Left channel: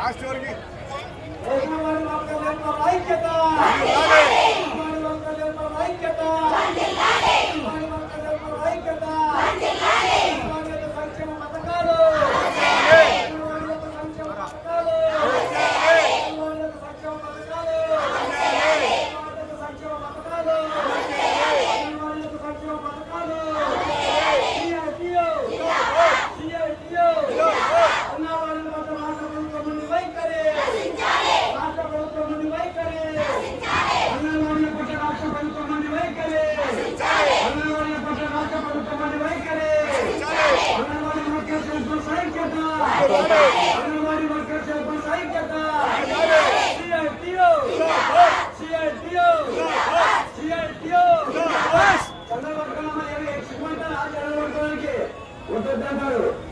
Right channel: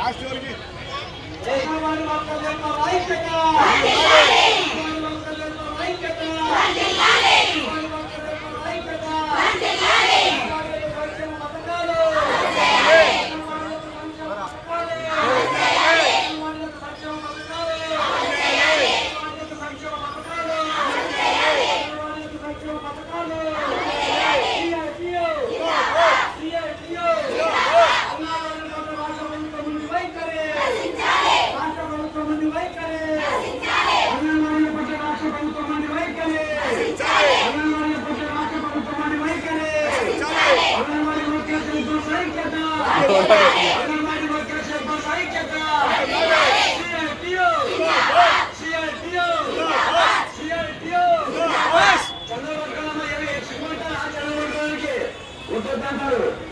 రాష్ట్రానికి అంగన్వాడీ